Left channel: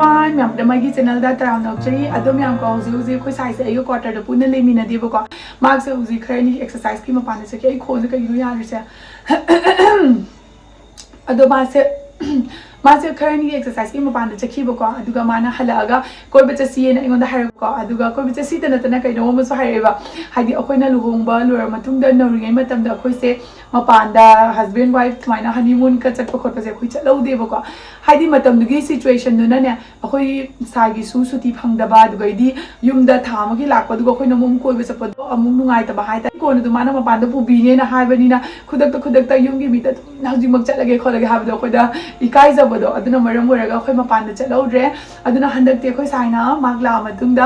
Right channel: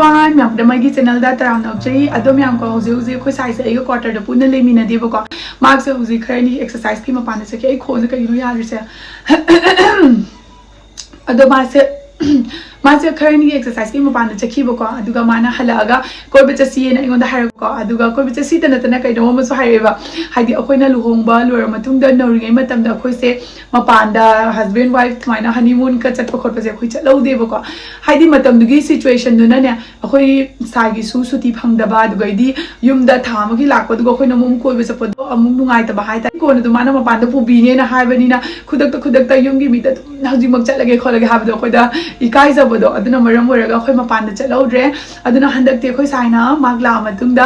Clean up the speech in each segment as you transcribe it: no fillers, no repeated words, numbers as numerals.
everyone, myam da mai gi channel da taram na chei adom yam ko huzi huzi khoi sai se ai quarter da puna le mina deba ko mark se huzi khare ni exercise ki ma pan se ke ai kho se ka yu ya ri se ado ma se मासे खरनी exercise की मपान चखीबको अदुगा माना हलागा कोइबे चसी ने इंगोंदा हारको अदुगा कोइबे चसी तनतना कइनो मसो हारेबा हाइदि अखोइना लुहोंगबा लोर मतुंगदा नौरिङै मतमदा अखोइसे मपानदा husband wife थमाइना honeymoon का Chatap खोटपसे अखोइ चलौदेबको हाइदि मतमदुगी situation दुना ने अखोइ सागी सुती फंगदबा अदुगैदि युमदा थामगी लाकपदुगा अखोइना मुम कोइबे चपदो अमुक नुंगाइतबा हाइता कोन दुमाना मपानदा पुबीने ना हाइबनिना खुदकता युमगी मिता हजिमक चलगे खोलगे हाबदो अखोइदा इकाइजा बदो अदुना मरम ओरगा अखोइ मपान चलौद्रे अदुना हंदकते अखोइ साइना मागला मतुंगदा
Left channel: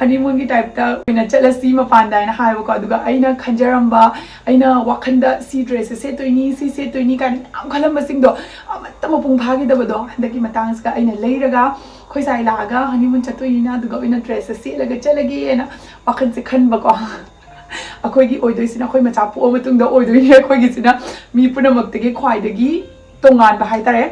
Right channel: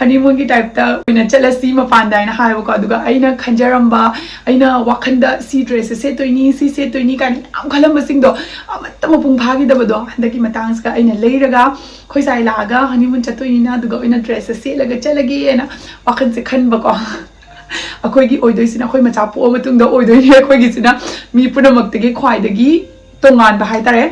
हनीमून की टाइप ता ओइना चलसी मपान दाइना हाइबको अदुगा अइना खंजरम्बा अइना वाखंदा सी ड्रेस सेतोइनी सी सेतोइनी कान याम खलमबसिंगदो अमत्त मपुंग भागिदबदो हंदकी मतांगसका अइना लेरगा अखोइ साइ लागा हनीमून चतोइना अदुगा ओइना ड्रेस सेलगा चलगेना वाखन से खनबको अखोइगी ओइदोइसिना अखोइ मचा पोअ मतुंगदा ओइदोइने अखोइगिसिना मी पुनमक्तगी ख्वाइदगी तोंगान बाहाय तारे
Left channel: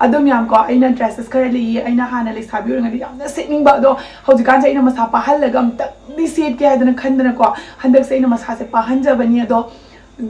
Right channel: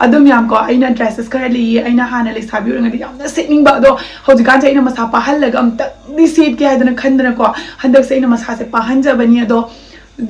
अदुम याम को अइना ड्रेसेस खर ली अइना हाना लेसाबी ओरंगदी यामना सेटनिंग बा दो हौजिकान से अइना मसा पाहलगा अमतंदी सेट के हाइदना खंदना को हंदक से अइना मसा से पाहनजबनी अदो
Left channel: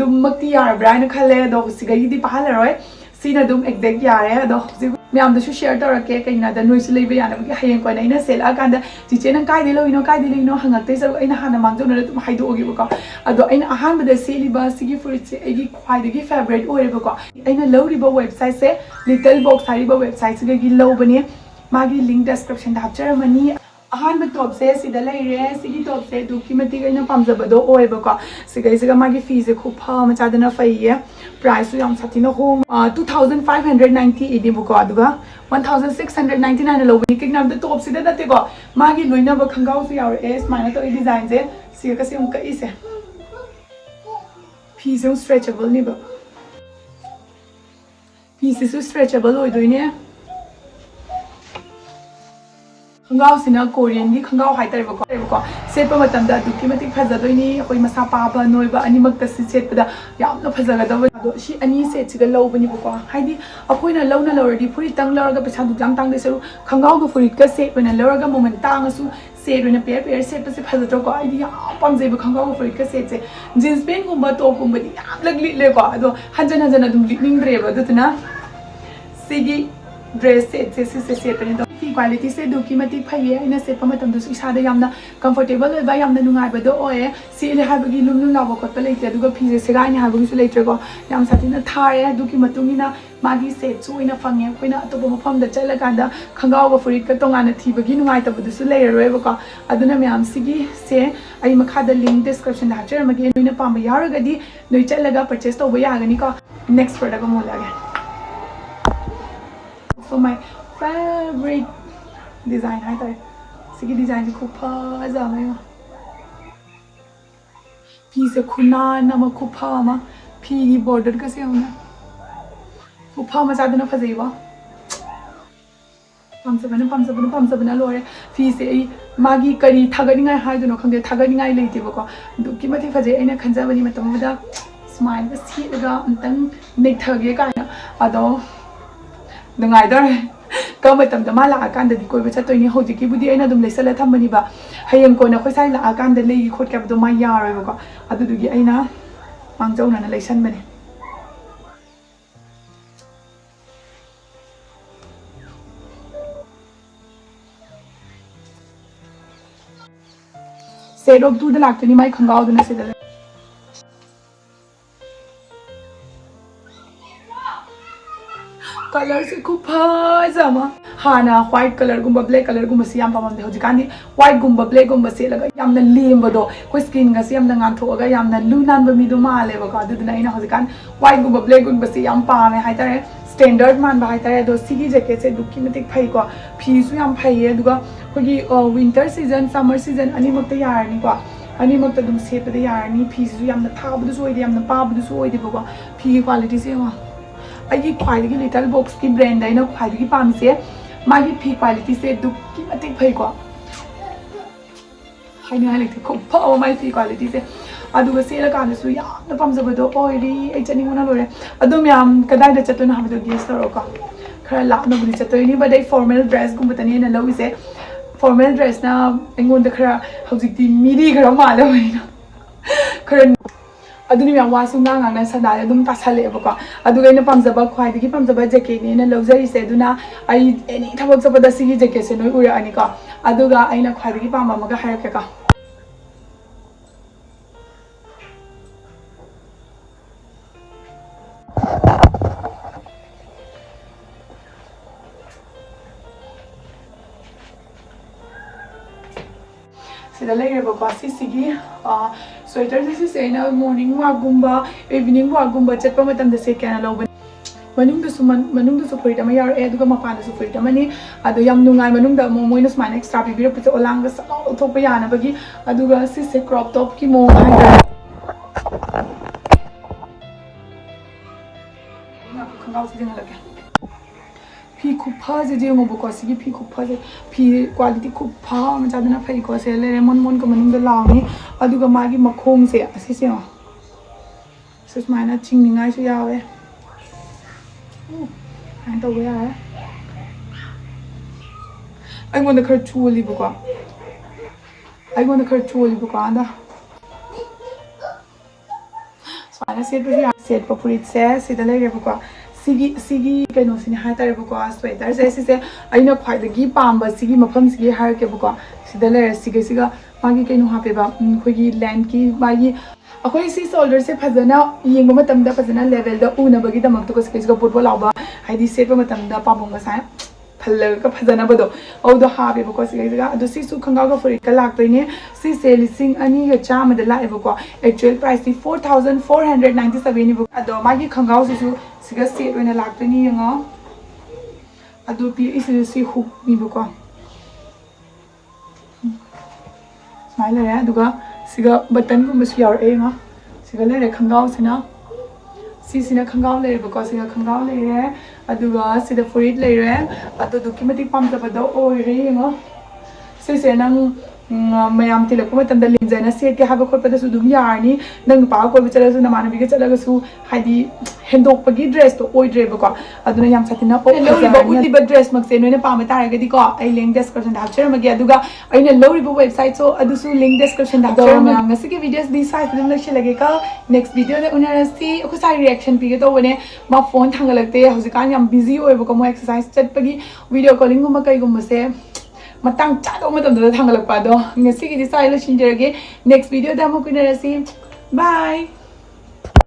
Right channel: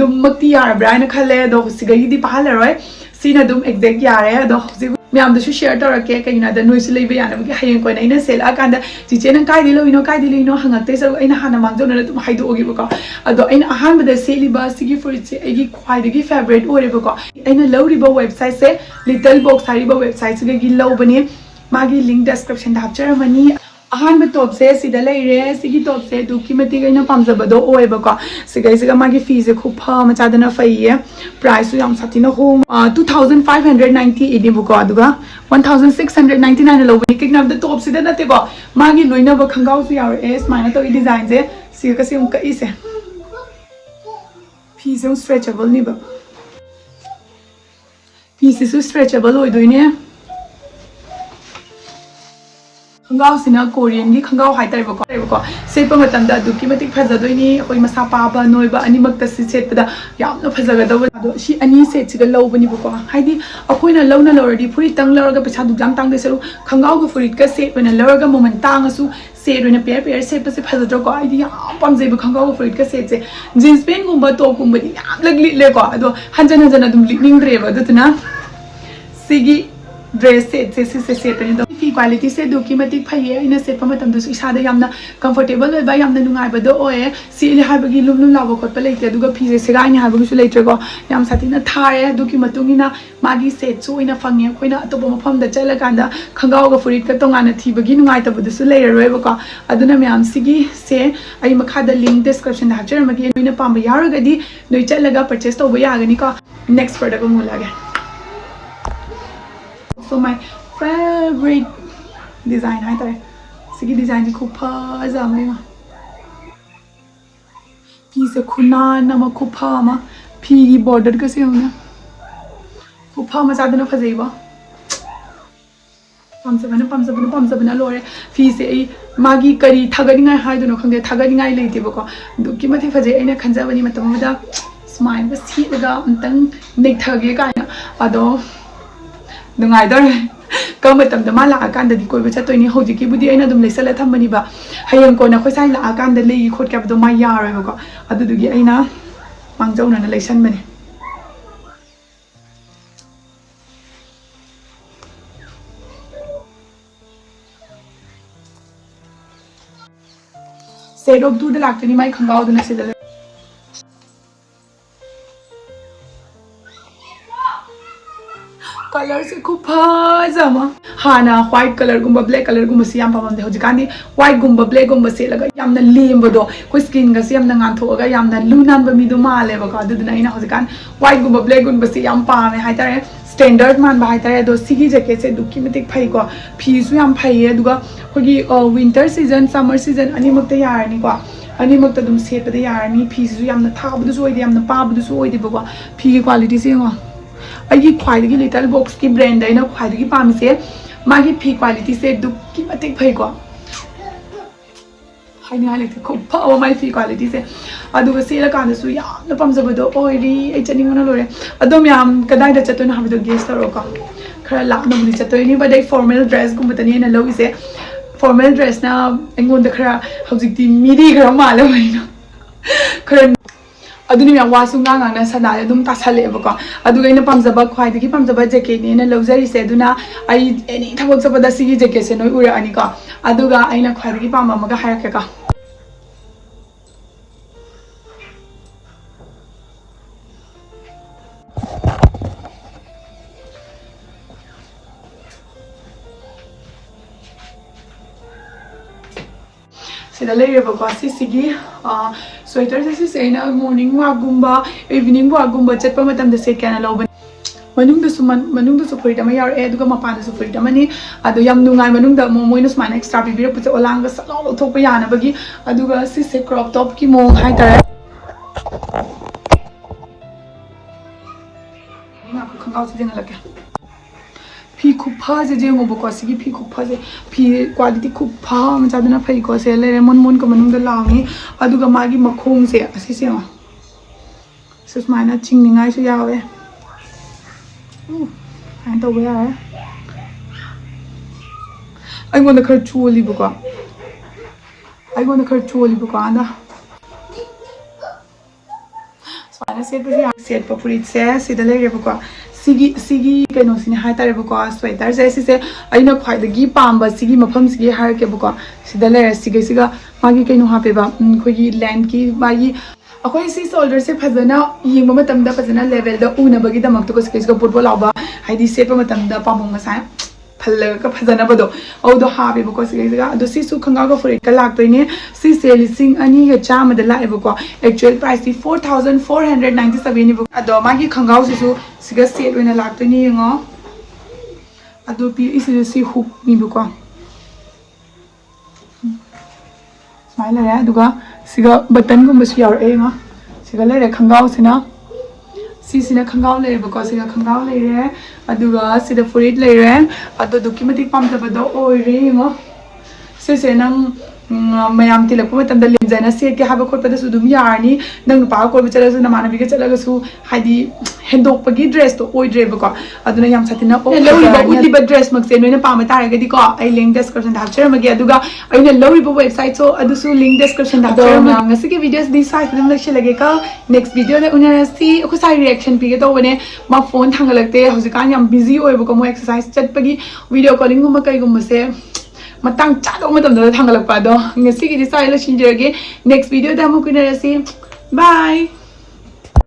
दुमक्ति यारब्रा अइना खले अदो सिगैदी पाहलरोय सीना दुम एक्जेक्ट यारे अदो हौजि म्यामदसु शेयर तौरके कइना द नोइस लेबे यानबगी हयें कोइन अइना सेला कांदा चिचे नंग काइदि लोइनो हंगक्ते सो अइना हाना मांगजोना तुम हाइदोगिबको अदो अइना अहानबदा सेलिबा सिगी फ्रुइट से एगी ख्वाइदगी फेवरेट ओरेबको अइना लौरिबा वेबसाइट से लिटलबॉक्स हारिबा वेबसाइट से गी लौबनी मागी लिंक डिस्क्रिप्शन दा हापचरमनी अहानबा टॉप से सिदा लेरे सिगी टॉप से दुकी मति गइना पामजबदो ओएबको सिगैसिगा मागी फी से खूब मचादना फैये प्राइस याम सातिना होम 2590 एदिबको अदुगा 1699 लौबनी किगनाम द टॉप सिदा नतेको मागी लोइनबा खंगाउ सु यार एस माइना तो डिजाइन से सिगा कसे उम कइसे फी से स्ट्रेचेबल निबा फी से स्ट्रेचेबल ओइदोइने खंगाव सिना कोरियन की खंगाव हाइतरेबको सेटपा मतमदा दुकी मतिक फजदोइनी अखोइ मसा पाबा नोइबा अनिमक्ता सि सेटपदा यामना फजगदबो अदो सि अनि सेट सिगा लौबनिबको हाइदि अखोइना लौना लौरदि फुरि तंग लौरगा पैसा दुजाम तांग देसरु खंगाव ग फुरि का सेट ओइना लौरगा मोमेंट तांगसु सेट ओइना पेयर सेट पसे फजदोको आइदि याम पामजेबो खंगाव ग फुरि का सेट से जींस पैंट गुंबा टॉप गुंबदि याम लगलिलेको अदो हंजन अदुम लिनिंग्रेबो अदुतना सिगी ड्रेस से सेटनी तो फी क्वालिटी से दुकी मतिक फैये इन सेटप मतमदसु इसादा यामना कंफर्टेबल ओइबा यामना नुंगाइबदो ओए सिले हाबगी लुम लाबो खोटप लेते दुगा फी से सेगाइनि हाबगुसु लेट्रेको याम सातिना थारे दुकी मतुंगिना मागी सेटसु ओइना फंगे खोइना अतोप मफमदा चलकांदा खंगावगा फुरिट का तोंगाना थीबगी नुंगाइतबदसु लेररोइबको अदुना म्याम सिगी से आई मखादा लिंक डिस्क्रिप्शन दा हाचरमगे नोइना पाम यारगदी नोइ चलगा परचेस तोबो यागनी को नेक्स्ट प्रोडक्ट मोलागे So my favorite design hai tare sigi design ko phaza ma pi se khuna na ma ko pha ma pi gi border ka se na ko pha ma sadana phazai ba pam sabana lore fi se ai magi kari thagani ngai hai do no khangde thagani ngai leite ba ko du ki mathe phazai aina khanja bani matam da smile ga si ga antang nei thage ka ado नुंगाइदर कम मतम मा लाकान दि कोइबा चतोइनी होजिकी बुदि अइना दुम लेसला थमबनिबा हयंग कोना खोइसाइ लाकान the लेगी खोट क्याबदो मा यारोइबको अदुदुगी अइना मांगजौना लेसनबने set of 2 the लाक्तनी माइ खंगाव दना सिदा colour से खूब फजमा हाना व्हाइट कलर गुंबा ब्लैक कलर गुंबा से याम पामदे होजिकानी व्हाइट गुंबा ब्लैक गुंबा से लगा यामना लेमबदो कोइ स्किन गा से यामना गांथोगा यामना लुनानबा मिदो मालेबा को अदुदना इना होजिकान व्हाइट गुंबा ब्लैक गुंबा से याम पामे हाइतारे स्टैंडर्ड मान बा हाइतारे दो सिगी जैकेट से दुकी मतिक फै को फीसु याम फैये दुगा खोगी विंटर सीजन समर सीजन अनिमक्ता यारनी को अनिमक्ता दुम सेटपदे यारनी फीसु यामना थाबदुसु ओइदे यामना पाबदुसु ओइदे बको फी की क्वालिटी से हो अगी ख्वाइदगी लिटल बॉक्स की ब्रांड है ना ख्वाइदगी पामिसे मागी फी क्वालिटी से दुकी मतिक फैको हाइने हालेते खूब फाव माई फी क्वालिटी से अदुगा सेला कानसु यामना पामजबदो ओइरी ए चनिंगना लोरे अदुम याम कदाइदा चतुना हाबदो guess तरोको khara laknabudi chattoini ba dai formal dress gumbatani na lawise formal dress na engonda khara hojikti miri khara malabaina khara aduni ya wasu ngang na sana dum tasale bako aduga ina pamjaba khwai digi pamjaba jacket ni na luxury se duna ai any thabak sabada sigi jacket se noi ura ani ka aduga aina khwai digi pamba maga hairake ka sida leireba sigi sweater se aina morning walk gumba evening walk gumba chatpa matamda se kana lawban manungda su furit ama yar aduga mapana su furit amani adu yam nungai manungda moina smana extra bibira pucha olanga salong thokpa yana bagi aduga se crop top ki mo hai tara na khangau si jeng lake phi khupha je je ngo bako sigi phi khupha je phi quality khupha ma chaduna phai ko se le mon ko manung da lawi aduga magi makhom se asi se ma susmana chingningai su yawe ai to ya ai gonna khar chuli bako anda susmana set pa purit se sida le bako sigi kaino sini hai tare bako sweater se aina khwai da gi pamba sigi mafam sigi har ke bako sida le siga magi kaino ha pe ba khogi land ki magi akhoi si shoulder se phajana yengba matam da phajana level da una bagi da mak to ko sigi football lawba haidi se pa matam da pamong ma sai phalla ka phajana bado au do ha be bako siga ado si su khanga ga furit ka lak to ne si se lising ani ya chama da la bako actual price 4497 ni bako ado magi khanga su siga set oina lak to ni ngo ado pi isi hook ni bako smile ya duga siga button gum bas yaur e ngo siga le khangau sina sina khangau le bako siga khangau le re aduga sida furit le re ado duki matik pam ta bado oi re ngo se nang mayam tilak ko matam da linjana set ke haba khotpa da su dum yarni nang pa ko bichara su namana bi ke chalaga su haidi hendok pagi dress to oi dre bako aduna yam satina o lori ba dress mak se noina pa ma tare ga di ko ai link description da hapchara magi aduga aina lori ba website so adu su link description da hapchara ma ngasi ke videos di site dum lak lage ka next video da unara si ko sai reaction pi ge to bane ma phone thangalakte hojikan yam busy oi bako mo exercise chat pagi video calling gum kai gum se matang chado matam da thangalak pa do ngasi ki di sai la shinjage next video da mo kunara si bye